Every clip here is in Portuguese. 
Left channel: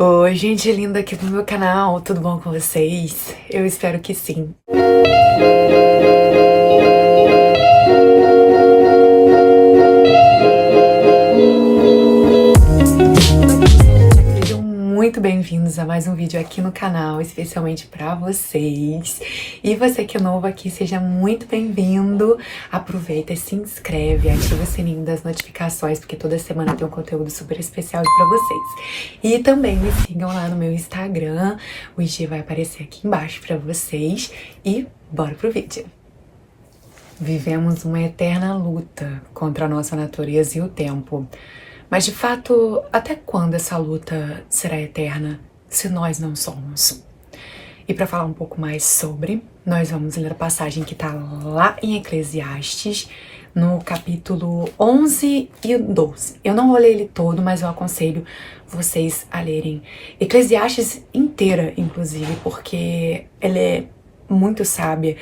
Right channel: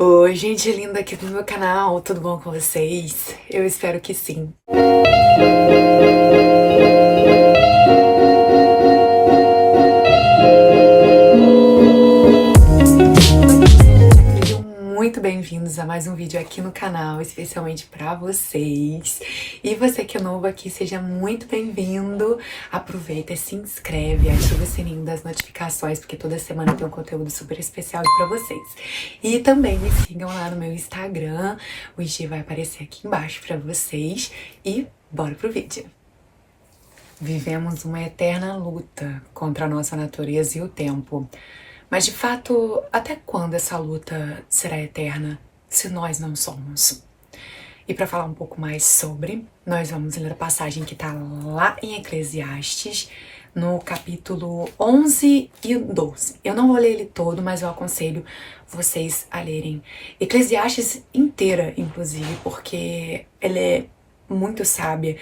Oi, gente linda aqui do meu canal, tudo bom com vocês? Eu espero que sim. Sejam muito bem-vindos a mais um vídeo aqui no canal, especialmente pra vocês. E você que é novo aqui, seja muito bem-vindo. Aproveita, se inscreve, ativa o sininho das notificações, porque toda semana tem um conteúdo super especial pra vocês. E também me sigam lá no meu Instagram, o IG vai aparecer aqui embaixo pra vocês. E bora pro vídeo. Vivemos uma eterna luta contra a nossa natureza e o tempo. Mas de fato, até quando essa luta será eterna se nós não somos? E para falar um pouco mais sobre, nós vamos ler a passagem que está lá em Eclesiastes, no capítulo 11 e 12. Eu não vou ler ele todo, mas eu aconselho vocês a lerem Eclesiastes inteira, inclusive, porque ela é muito sábia,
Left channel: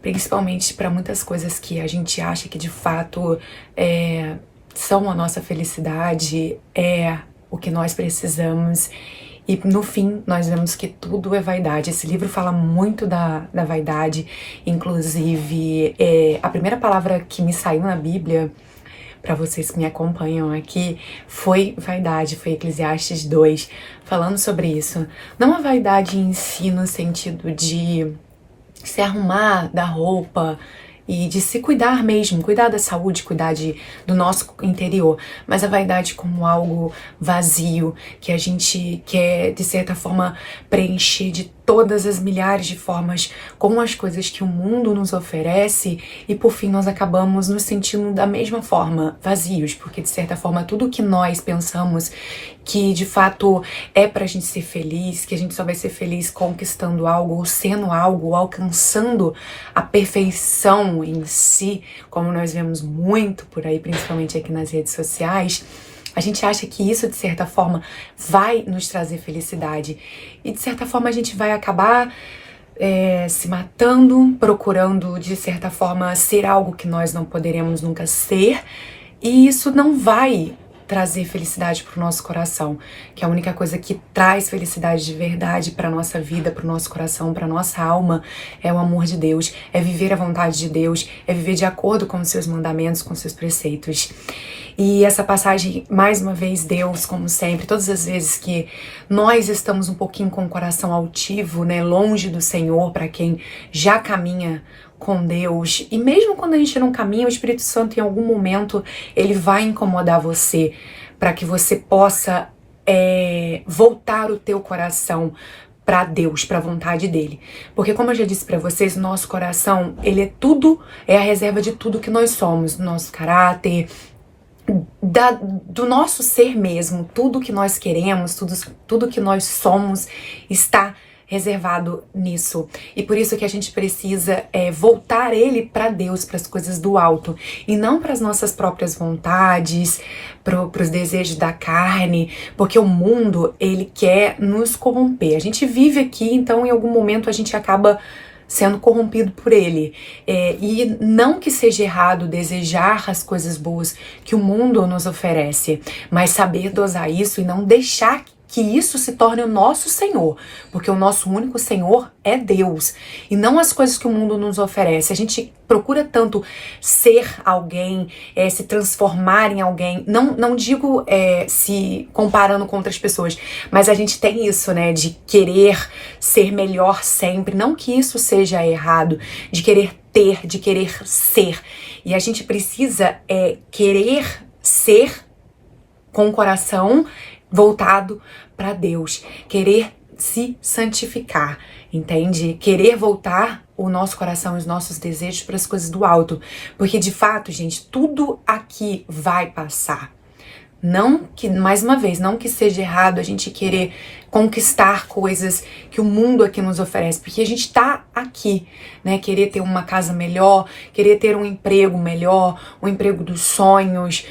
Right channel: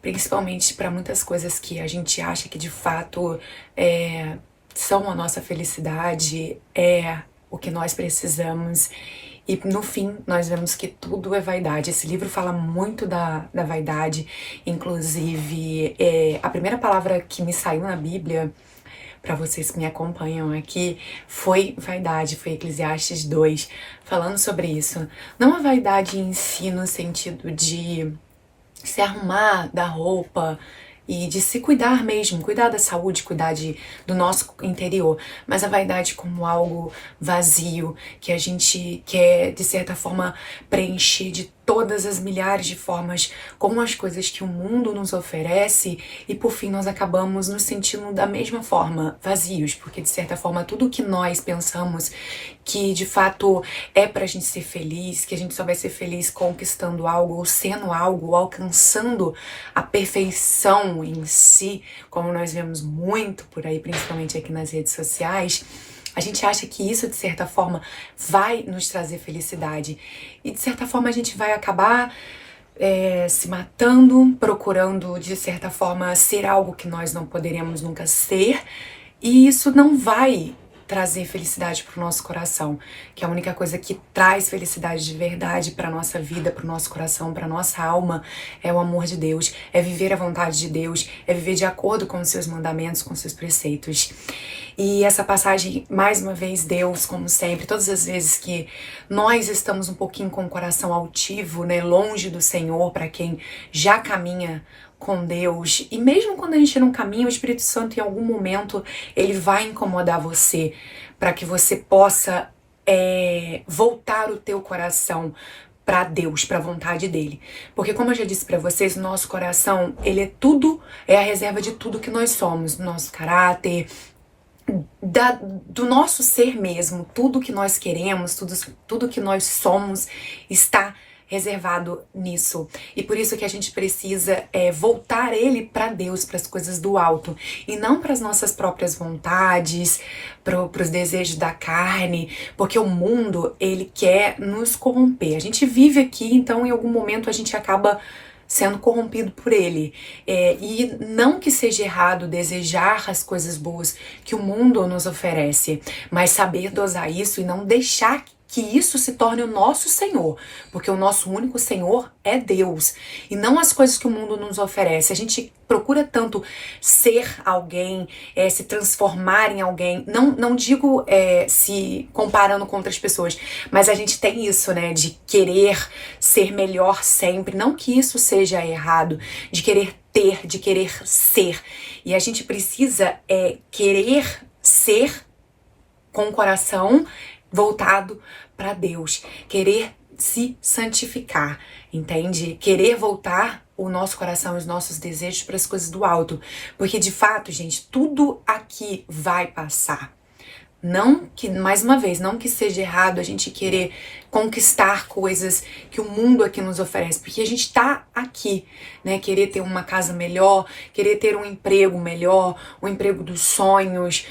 principalmente para muitas coisas que a gente acha que de fato são a nossa felicidade, é o que nós precisamos. E no fim, nós vemos que tudo é vaidade. Esse livro fala muito da vaidade. Inclusive, a primeira palavra que me saiu na Bíblia, para vocês que me acompanham aqui, foi vaidade, foi Eclesiastes 2, falando sobre isso. Não a vaidade em si, no sentido de se arrumar, dar roupa e de se cuidar mesmo, cuidar da saúde, cuidar do nosso interior, mas a vaidade como algo vazio, que a gente quer, de certa forma, preencher de todas as milhares de formas com as coisas que o mundo nos oferece e, por fim, nós acabamos nos sentindo da mesma forma, vazios, porque, de certa forma, tudo que nós pensamos que, de fato, é pra gente ser feliz, que a gente só vai ser feliz conquistando algo, ou sendo algo, ou alcançando a perfeição em si, como nós vemos muito por aí, principalmente aqui nas redes sociais. A gente acha que isso, de certa forma, vai nos trazer felicidade. E, de certa forma, a gente vai acabar se matando, procurando, de certa forma, ser algo que nós não poderemos nunca ser. E isso não vai trazer felicidade para o nosso coração, que é a única coisa que traz felicidade de verdade para nossa vida, para o nosso coração, para nossa alma, é o amor de Deus, é viver a vontade de Deus, é viver de acordo com os seus mandamentos, com os seus preceitos. E essa passagem, mais uma vez, Deus, como sempre, todas as vezes que nós estamos um pouquinho com o coração altivo, né, longe do Senhor, para quem já caminha com Deus, e mesmo quando a gente não caminha, o Espírito Santo em algum momento ele vai incomodar você para que você possa voltar o teu coração para Deus, para a vontade dele. Porque, como eu já disse para vocês, nosso coração, ele é tudo, é a reserva de tudo que nós somos, do nosso caráter, do nosso ser mesmo, tudo que nós queremos, tudo que nós somos está reservado nisso. E por isso que a gente precisa voltar ele para Deus, para as coisas do alto, e não para as nossas próprias vontades, para os desejos da carne, porque o mundo, ele quer nos corromper. A gente vive aqui, então em algum momento a gente acaba sendo corrompido por ele. E não que seja errado desejar as coisas boas que o mundo nos oferece, mas saber dosar isso e não deixar que isso se torne o nosso Senhor, porque o nosso único Senhor é Deus, e não as coisas que o mundo nos oferece. A gente procura tanto ser alguém, se transformar em alguém, não digo se comparando com outras pessoas, mas a gente tem isso, né, de querer ser melhor sempre, não que isso seja errado, de querer ter, de querer ser, e a gente precisa querer ser com o coração voltado para Deus, querer se santificar, entende? Querer voltar o nosso coração e os nossos desejos para as coisas do alto, porque de fato, gente, tudo aqui vai passar. Não que, mais uma vez, não que seja errado a gente querer conquistar coisas que o mundo aqui nos oferece, porque a gente tá aqui, né? Querer ter uma casa melhor, querer ter um emprego melhor, um emprego dos sonhos,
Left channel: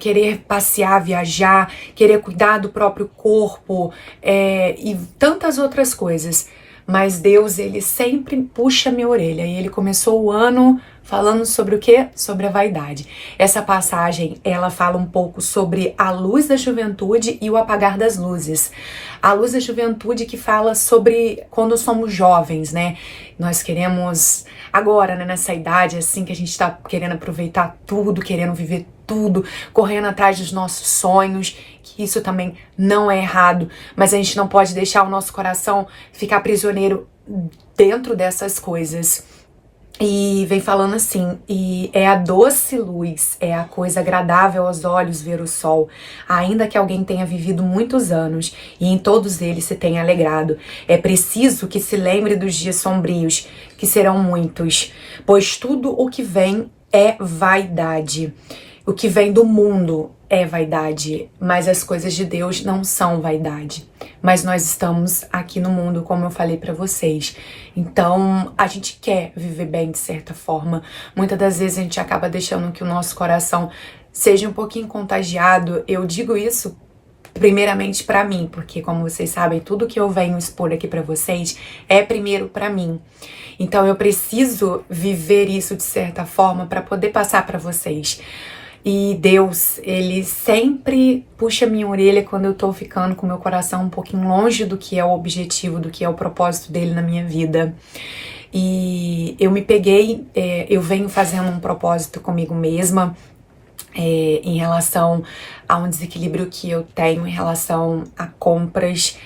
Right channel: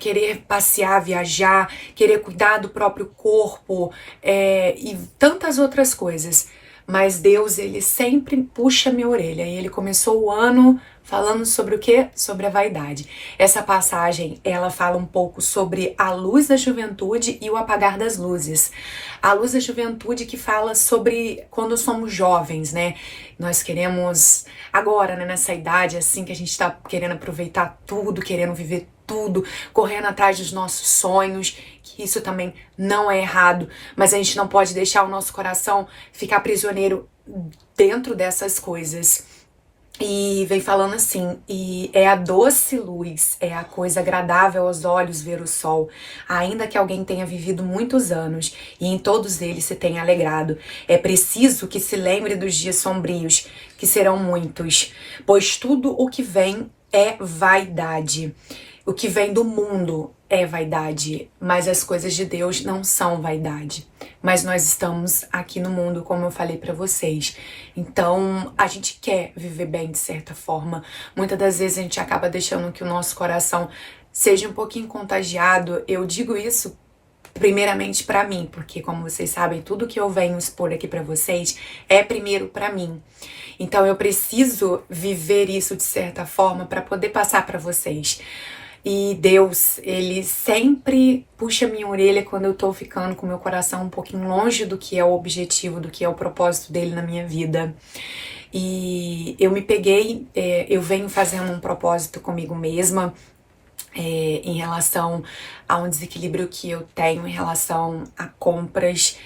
querer passear, viajar, querer cuidar do próprio corpo, e tantas outras coisas. Mas Deus, ele sempre puxa minha orelha, e ele começou o ano falando sobre o quê? Sobre a vaidade. Essa passagem, ela fala um pouco sobre a luz da juventude e o apagar das luzes. A luz da juventude que fala sobre quando somos jovens, né? Nós queremos, agora, né, nessa idade, assim, que a gente tá querendo aproveitar tudo, querendo viver tudo, correndo atrás dos nossos sonhos, que isso também não é errado, mas a gente não pode deixar o nosso coração ficar prisioneiro dentro dessas coisas. E vem falando assim, e é a doce luz, é a coisa agradável aos olhos ver o sol, ainda que alguém tenha vivido muitos anos e em todos eles se tenha alegrado. É preciso que se lembre dos dias sombrios, que serão muitos, pois tudo o que vem é vaidade. O que vem do mundo é vaidade, mas as coisas de Deus não são vaidade. Mas nós estamos aqui no mundo, como eu falei pra vocês. Então, a gente quer viver bem de certa forma. Muitas das vezes a gente acaba deixando que o nosso coração seja um pouquinho contagiado. Eu digo isso primeiramente pra mim, porque como vocês sabem, tudo que eu venho expor aqui pra vocês é primeiro pra mim. Então, eu preciso viver isso de certa forma pra poder passar pra vocês. E Deus, Ele sempre puxa minha orelha quando eu tô ficando com meu coração um pouquinho longe do que é o objetivo, do que é o propósito dele na minha vida. E eu me peguei, eu venho fazendo um propósito comigo mesma, em relação a um desequilíbrio que eu tenho em relação a compras.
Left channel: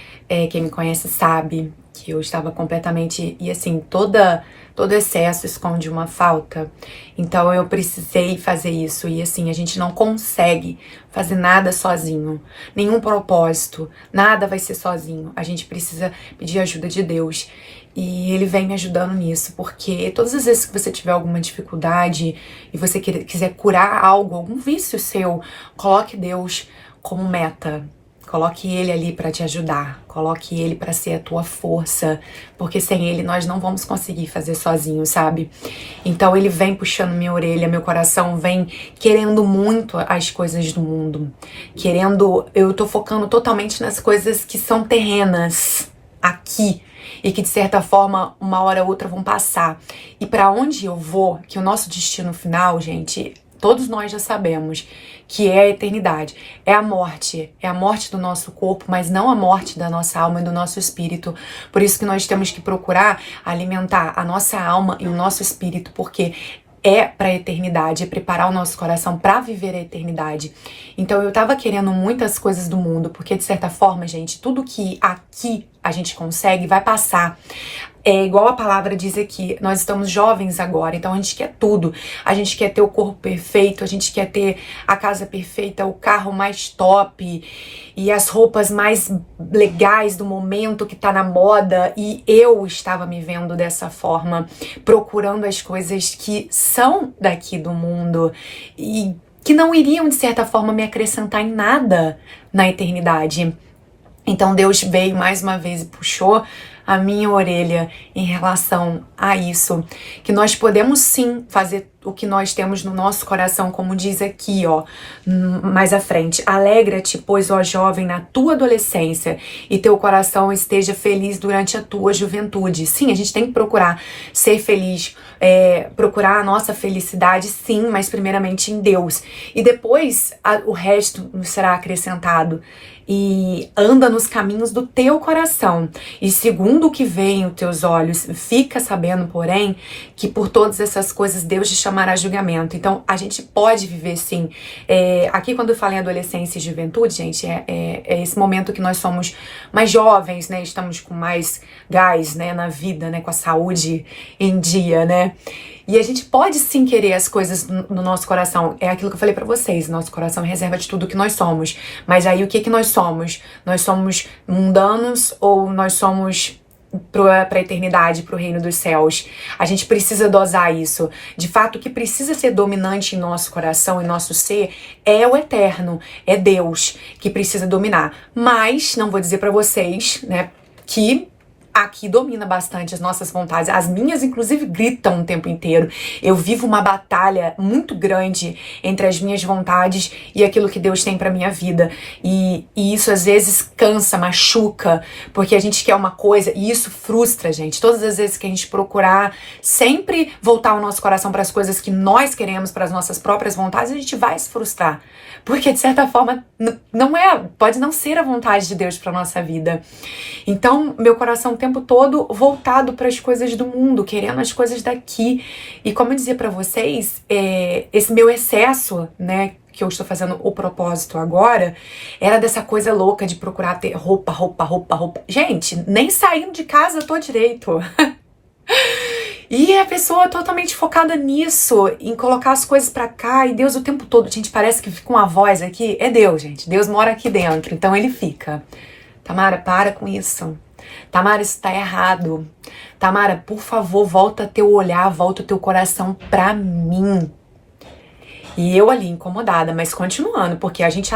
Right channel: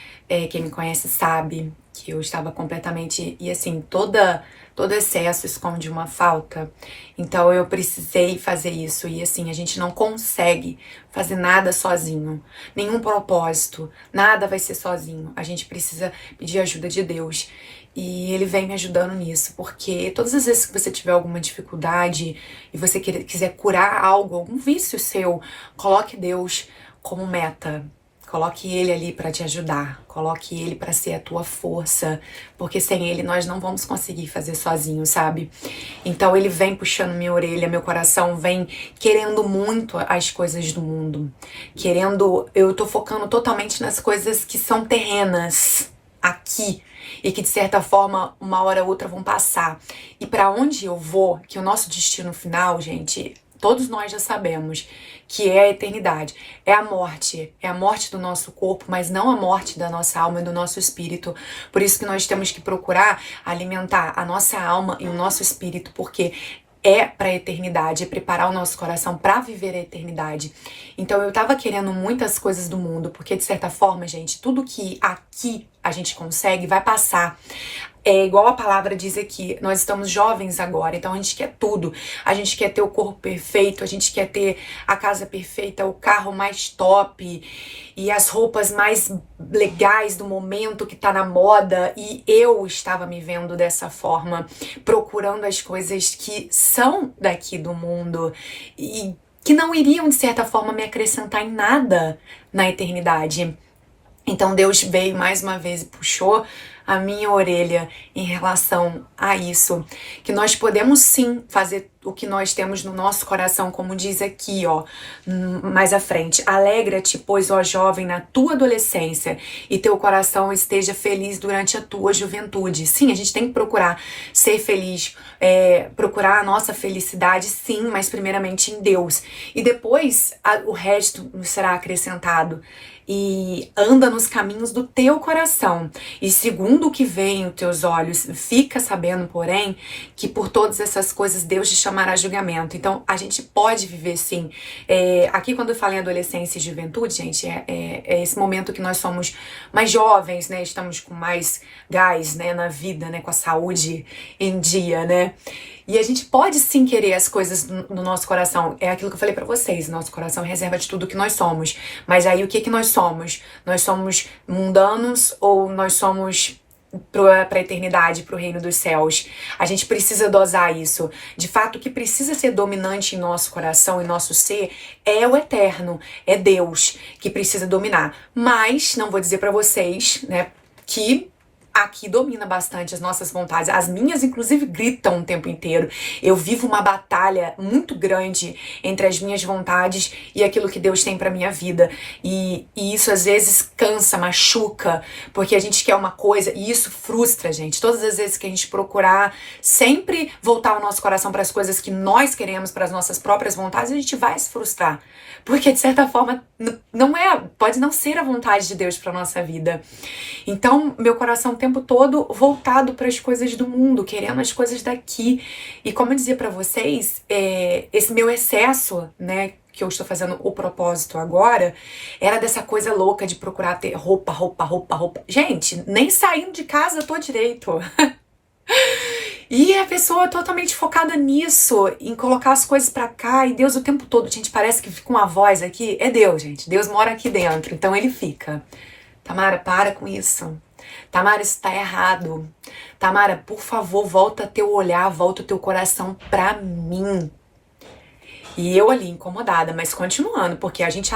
Quem me conhece sabe que eu estava completamente, e assim, todo excesso esconde uma falta. Então eu precisei fazer isso. E assim, a gente não consegue fazer nada sozinho. Nenhum propósito. Nada vai ser sozinho. A gente precisa pedir ajuda de Deus. E Ele vem me ajudando nisso. Porque todas as vezes que você tiver alguma dificuldade e você quiser curar algo, algum vício seu, coloque Deus como meta. Coloque Ele ali para te ajudar, coloque Ele para ser a tua força, porque sem Ele nós não vamos conseguir fazer sozinho, sabe? Então Ele vem puxando minha orelha, meu coração vem querendo muito as coisas do mundo, eu tô focando totalmente nas coisas que são terrenas, aqui, e que de certa forma, uma hora ou outra vão passar. E para onde eu vou, que o nosso destino final, gente, todos nós já sabemos, que é a eternidade, é a morte do nosso corpo, mas não a morte da nossa alma e do nosso espírito. Por isso que nós temos que procurar alimentar a nossa alma e o nosso espírito, porque é para a eternidade, é preparar o nosso coração para viver a eternidade. Então eu tava querendo muitas coisas do mundo, porque de certa forma, gente, tudo que aqui a gente consegue vai passar. É igual a palavra diz aqui, nós estamos jovens agora, então a gente quer tudo. A gente quer ter o corpo perfeito, a gente quer ter a casa perfeita, o carro mais top e as roupas mais legais do momento que tá na moda. E eu estava me vendo dessa forma, procurando as coisas que são daqui do mundo e que não iriam, de certa forma, me acrescentar em nada na eternidade. Então Deus veio mais uma vez e puxou a minha orelha em relação a isso, que nós podemos sim fazer o que nós temos no nosso coração, como diz aqui, ó, mais à frente. Alegra-te, pois, ó jovem, na tua adolescência, e teu coração esteja feliz durante a tua juventude. Sim, a gente tem que procurar ser feliz, procurar a nossa felicidade, sim, mas primeiramente em Deus. E depois o resto nos será acrescentado. E anda nos caminhos do teu coração, e segundo o que vem os teus olhos, fica sabendo, porém, que por todas essas coisas Deus te chamará a julgamento. Então, a gente pode viver sim. Aqui, quando eu falo em adolescência e juventude, gente, é esse momento que nós somos mais jovens, né? Estamos com mais gás, né, na vida, né? Com a saúde em dia, né? E a gente pode sim querer as coisas no nosso coração. É aquilo que eu falei pra vocês. Nosso coração é reserva de tudo que nós somos. Mas aí o que nós somos? Nós somos mundanos ou nós somos pra eternidade, pro reino dos céus? A gente precisa dosar isso. De fato, o que precisa ser dominante em nosso coração, em nosso ser, é o eterno. É Deus que precisa dominar. Mas, não vou dizer pra vocês, né, que aqui domina bastante as nossas vontades. As minhas, inclusive, gritam o tempo inteiro. Eu vivo uma batalha muito grande entre as minhas vontades e aquilo que Deus tem pra minha vida. E isso, às vezes, cansa, machuca, porque a gente quer uma coisa e isso frustra a gente. Todas as vezes que a gente procurar sempre voltar o nosso coração para as coisas que nós queremos, para as nossas próprias vontades, a gente vai se frustrar. Porque, de certa forma, pode não ser a vontade de Deus para nossa vida. Então, meu coração o tempo todo voltado para as coisas do mundo, querendo as coisas daqui. E como eu dizia para vocês, esse meu excesso, né, que eu estou fazendo o propósito agora, era dessa coisa louca de procurar ter roupa. Gente, nem saindo de casa eu tô direito. E a pessoa totalmente focada nisso, em colocar as coisas pra cá, e Deus o tempo todo, gente, parece que fica uma voz aqui, é Deus, gente, Deus mora aqui dentro, então ele fica. Tamara, para com isso. Tamara, isso tá errado. Tamara, por favor, volta teu olhar, volta teu coração pra mim. E eu ali, incomodada, mas continuando, porque a gente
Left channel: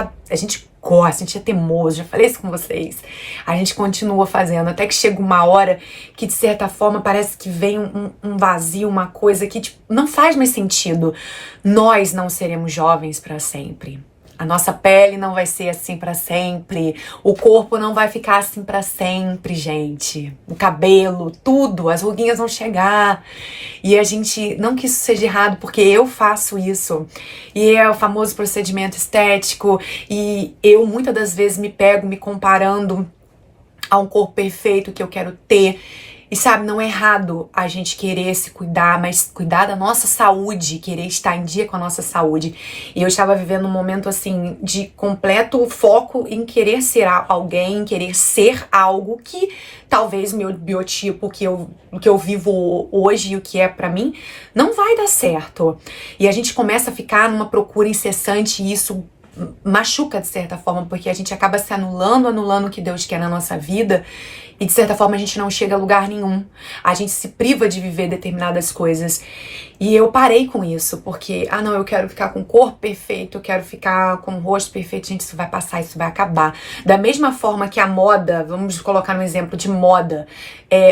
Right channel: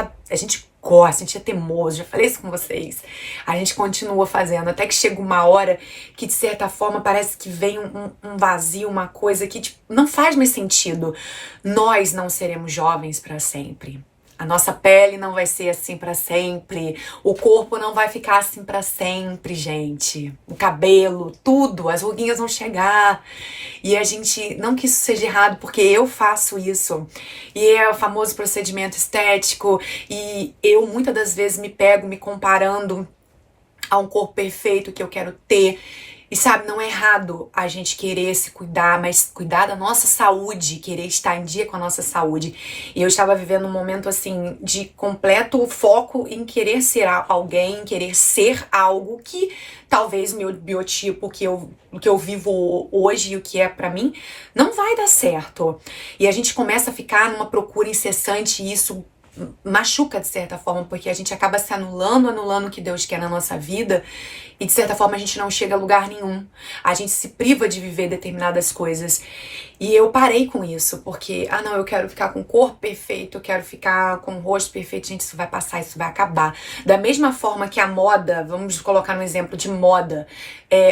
gosta, a gente é teimoso, já falei isso com vocês. A gente continua fazendo, até que chega uma hora que, de certa forma, parece que vem um vazio, uma coisa que tipo, não faz mais sentido. Nós não seremos jovens para sempre. A nossa pele não vai ser assim pra sempre. O corpo não vai ficar assim pra sempre, gente. O cabelo, tudo, as ruguinhas vão chegar. E a gente, não que isso seja errado, porque eu faço isso. E é o famoso procedimento estético. E eu, muitas das vezes, me pego me comparando a um corpo perfeito que eu quero ter. E sabe, não é errado a gente querer se cuidar, mas cuidar da nossa saúde, querer estar em dia com a nossa saúde. E eu estava vivendo um momento, assim, de completo foco em querer ser alguém, querer ser algo que talvez o meu biotipo, o que eu vivo hoje e o que é pra mim, não vai dar certo. E a gente começa a ficar numa procura incessante e isso machuca de certa forma, porque a gente acaba se anulando o que Deus quer na nossa vida e de certa forma a gente não chega a lugar nenhum. A gente se priva de viver determinadas coisas. E eu parei com isso, porque, não, eu quero ficar com o corpo perfeito, eu quero ficar com o rosto perfeito. Gente, isso vai passar, isso vai acabar. Da mesma forma que a moda, vamos colocar um exemplo de moda.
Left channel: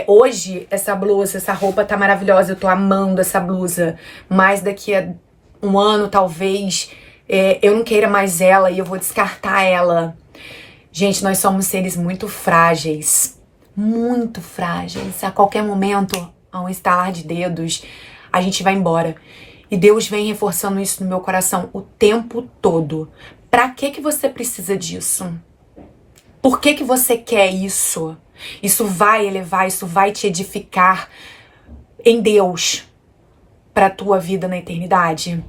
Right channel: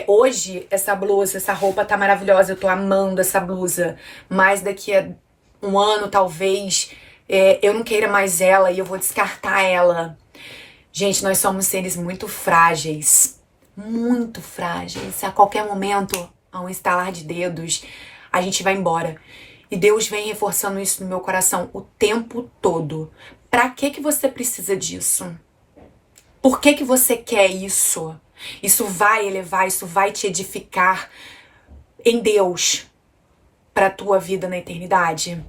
Hoje, essa blusa, essa roupa tá maravilhosa, eu tô amando essa blusa. Mas daqui a um ano, talvez, eu não queira mais ela e eu vou descartar ela. Gente, nós somos seres muito frágeis. Muito frágeis. A qualquer momento, a um estalar de dedos, a gente vai embora. E Deus vem reforçando isso no meu coração o tempo todo. Pra que você precisa disso? Por que você quer isso? Isso vai elevar, isso vai te edificar em Deus pra tua vida na eternidade?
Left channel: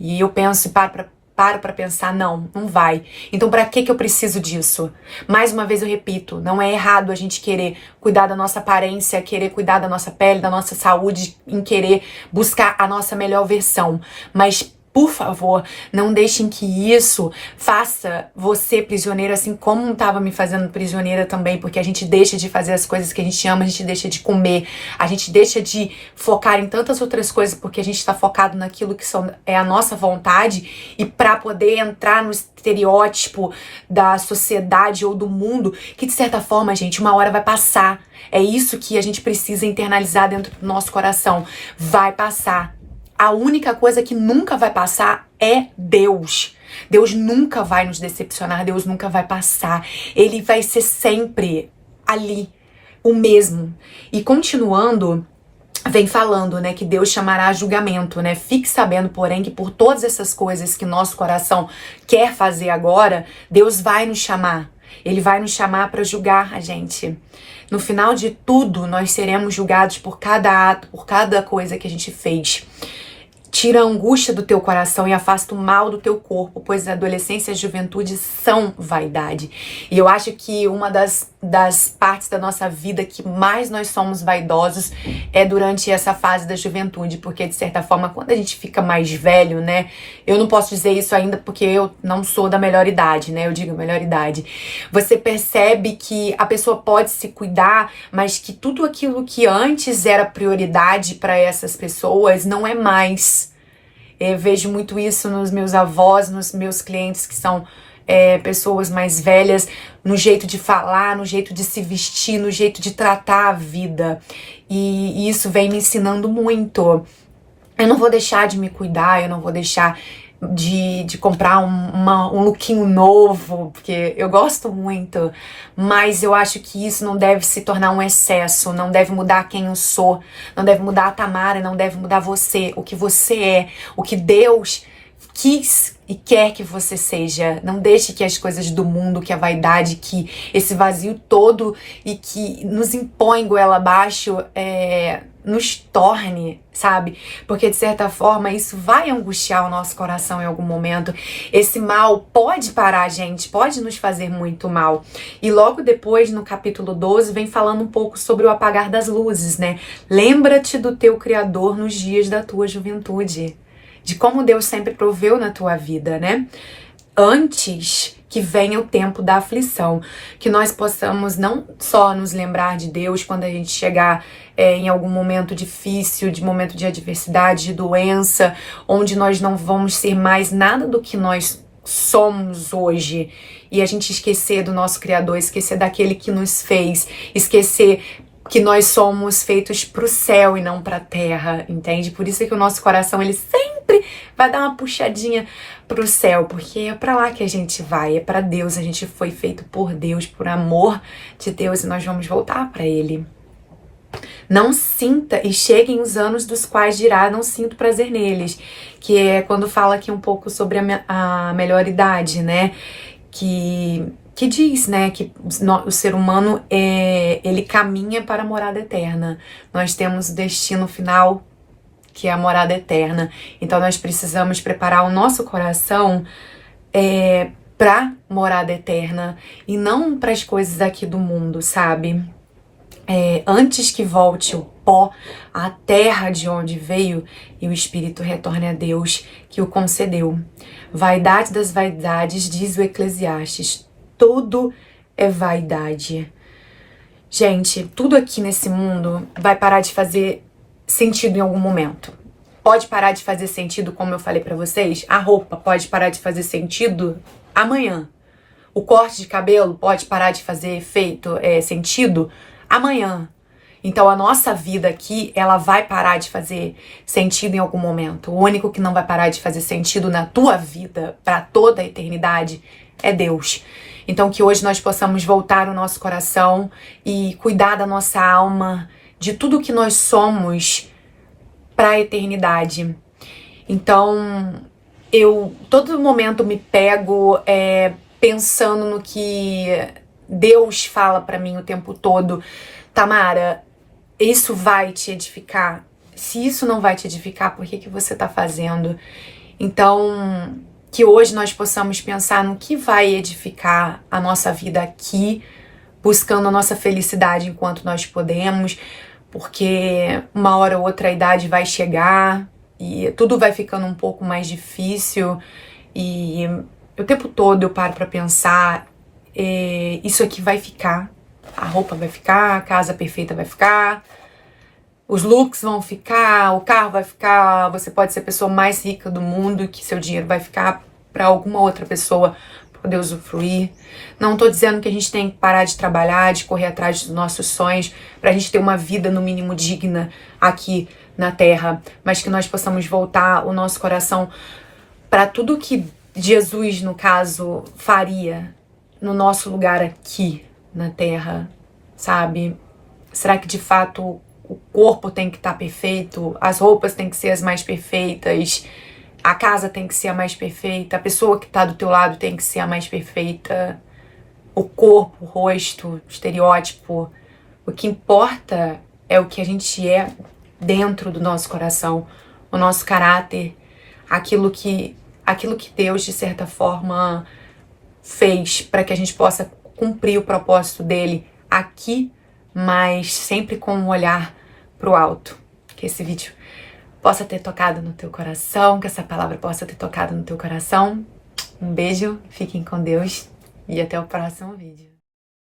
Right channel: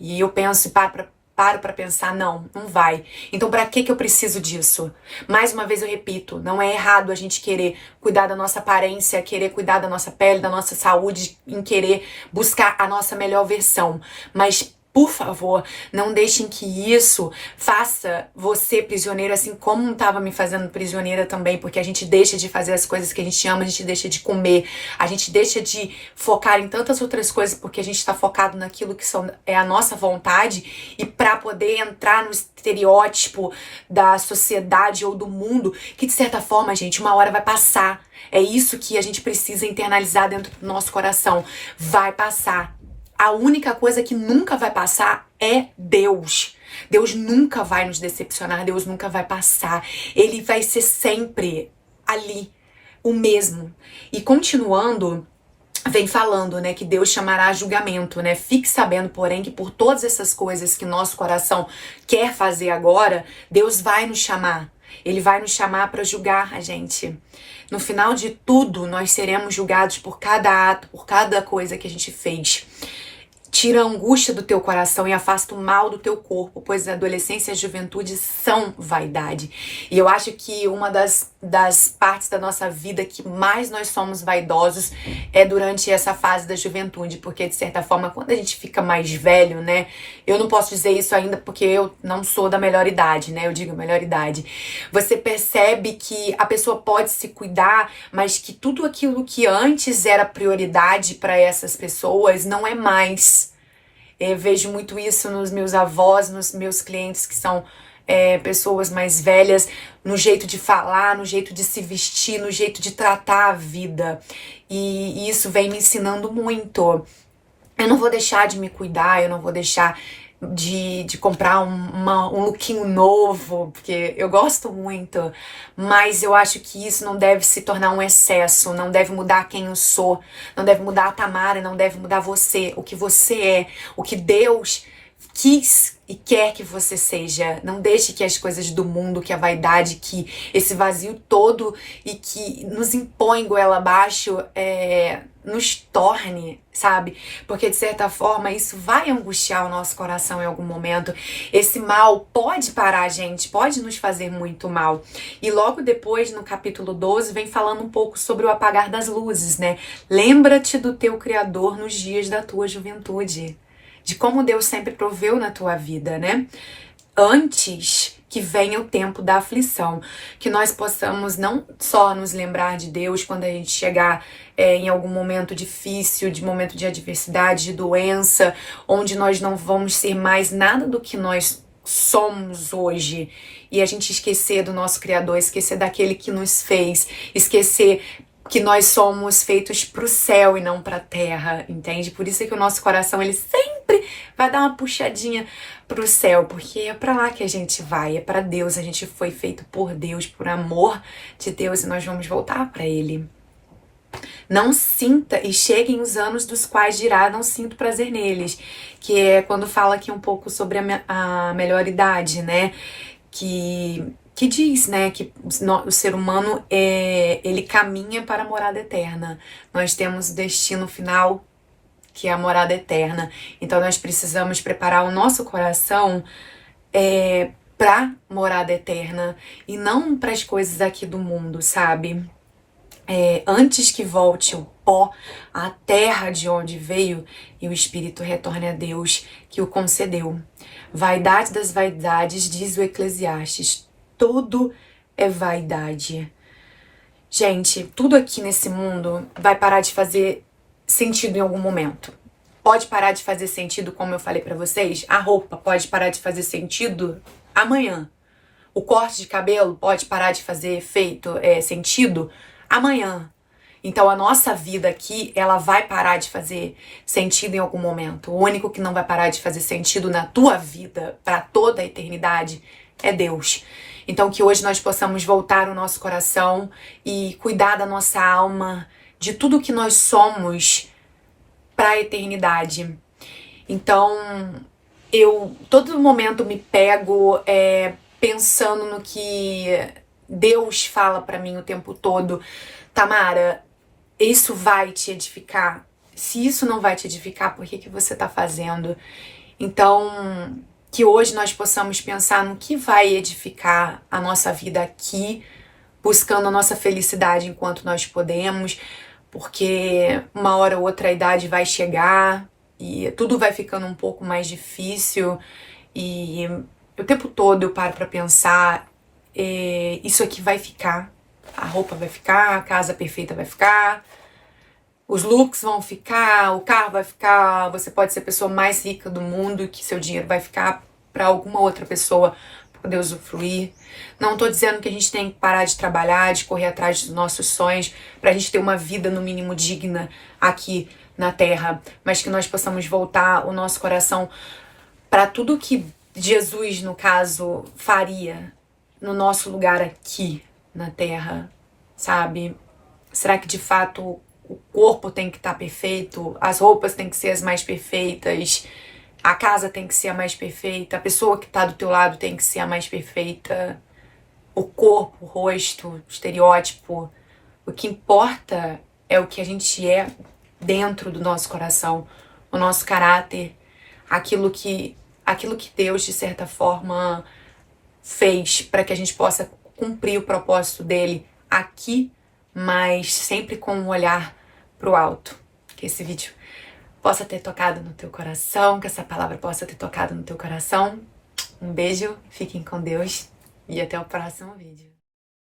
E eu penso e paro pra pensar, não vai. Então pra que eu preciso disso? Mais uma vez eu repito, não é errado a gente querer cuidar da nossa aparência, querer cuidar da nossa pele, da nossa saúde, em querer buscar a nossa melhor versão. Mas, por favor, não deixem que isso faça você prisioneiro, assim como estava me fazendo prisioneira também, porque a gente deixa de fazer as coisas que a gente ama, a gente deixa de comer, a gente deixa de focar em tantas outras coisas porque a gente está focado naquilo que é a nossa vontade e para poder entrar no estereótipo da sociedade ou do mundo, que de certa forma, gente, uma hora vai passar. É isso que a gente precisa internalizar dentro do nosso coração. Vai passar. A única coisa que nunca vai passar é Deus. Deus nunca vai nos decepcionar, Deus nunca vai passar. Ele vai ser sempre ali, o mesmo. E continuando, vem falando, né, que Deus chamará a julgamento, né? Fique sabendo, porém, que por todas essas coisas que nosso coração quer fazer agora, Deus vai nos chamar. Ele vai nos chamar para julgar a gente. No final de tudo, nós seremos julgados por cada ato, por cada coisa que a gente fez. Tira a angústia do teu coração e afasta o mal do teu corpo, pois a adolescência e a juventude são vaidade. E eu acho que uma das partes da nossa vida que mais nós somos vaidosos é durante essa fase da juventude, porque de certa forma, quando a gente fica mais velho, né, eu não posso dizer isso ainda porque eu não sou da melhor idade, né, eu digo melhor idade, você percebe que a pessoa pode se cuidar, mas que tudo aquilo que antes era prioridade para essas pessoas não é mais. Eu vejo muito isso nos meus avós, nos meus clientes que são pessoas mais velhas. no jeito de falar, no jeito de se vestir, no jeito de tratar a vida. E isso vem me ensinando muito. Eu não vou deixar de me cuidar, eu não vou deixar de comprar um lookinho novo, porque eu gosto muito, mas eu acho que isso não deve se tornar um excesso, não deve mudar quem eu sou, não deve mudar a Tamara, não deve mudar você, o que você é, o que Deus quis e quer que você seja. Não deixe que as coisas do mundo, que a vaidade, que esse vazio todo e que nos impõe goela abaixo, nos torne, sabe? Porque de certa forma isso vai angustiar o nosso coração em algum momento. Esse mal pode parar, gente, pode nos fazer muito mal. E logo depois, no capítulo 12, vem falando um pouco sobre o apagar das luzes, né? Lembra-te do teu Criador nos dias da tua juventude, de como Deus sempre proveu na tua vida, né? Antes que venha o tempo da aflição, que nós possamos não só nos lembrar de Deus quando a gente chegar em algum momento difícil, de momento de adversidade, de doença, onde nós não vamos ser mais nada do que nós somos hoje, e a gente esquecer do nosso Criador, esquecer daquele que nos fez, esquecer que nós somos feitos pro céu e não pra terra, entende? Por isso é que o nosso coração, ele sempre vai dar uma puxadinha pro céu, porque é pra lá que a gente vai, é pra Deus, a gente foi feito por Deus, por amor de Deus, e nós vamos voltar pra Ele. Não sinta, e cheguem os anos dos quais dirá, não sinto prazer neles, que é quando fala aqui um pouco sobre a melhor idade, né? Que diz, né, que o ser humano, ele caminha para a morada eterna. Nós temos o destino final, que é a morada eterna. Então nós precisamos preparar o nosso coração para morada eterna e não para as coisas aqui do mundo, sabe? Antes que volte o pó à terra de onde veio e o espírito retorne a Deus que o concedeu. Vaidade das vaidades, diz o Eclesiastes, tudo é vaidade. Gente, tudo aqui nesse mundo vai parar de fazer sentido em algum momento. Pode parar de fazer sentido, como eu falei pra vocês, a roupa pode parar de fazer sentido amanhã. O corte de cabelo pode parar de fazer sentido amanhã. Então a nossa vida aqui, ela vai parar de fazer sentido em algum momento. O único que não vai parar de fazer sentido na tua vida para toda a eternidade é Deus. Então que hoje nós possamos voltar o nosso coração e cuidar da nossa alma, de tudo que nós somos para a eternidade. Então eu todo momento me pego pensando no que Deus fala pra mim o tempo todo. Tamara, isso vai te edificar? Se isso não vai te edificar, por que você tá fazendo? Então, que hoje nós possamos pensar no que vai edificar a nossa vida aqui, buscando a nossa felicidade enquanto nós podemos, porque uma hora ou outra a idade vai chegar e tudo vai ficando um pouco mais difícil e o tempo todo eu paro pra pensar, isso aqui vai ficar, a roupa vai ficar, a casa perfeita vai ficar, os looks vão ficar, o carro vai ficar, você pode ser a pessoa mais rica do mundo e que seu dinheiro vai ficar para alguma outra pessoa poder usufruir. Não tô dizendo que a gente tem que parar de trabalhar, de correr atrás dos nossos sonhos, pra gente ter uma vida no mínimo digna aqui na Terra, mas que nós possamos voltar o nosso coração para tudo que Jesus, no caso, faria no nosso lugar aqui na Terra, sabe? Será que de fato o corpo tem que estar perfeito, as roupas têm que ser as mais perfeitas, a casa tem que ser a mais perfeita, a pessoa que tá do teu lado tem que ser a mais perfeita, o corpo, o rosto, o estereótipo? O que importa é o que a gente é dentro do nosso coração, o nosso caráter, aquilo que Deus, de certa forma, fez para que a gente possa cumprir o propósito dele aqui, mas sempre com um olhar pro alto. Que esse vídeo possa ter tocado no teu coração, que essa palavra possa ter tocado no teu coração. Um beijo, fiquem com Deus e até o próximo vídeo.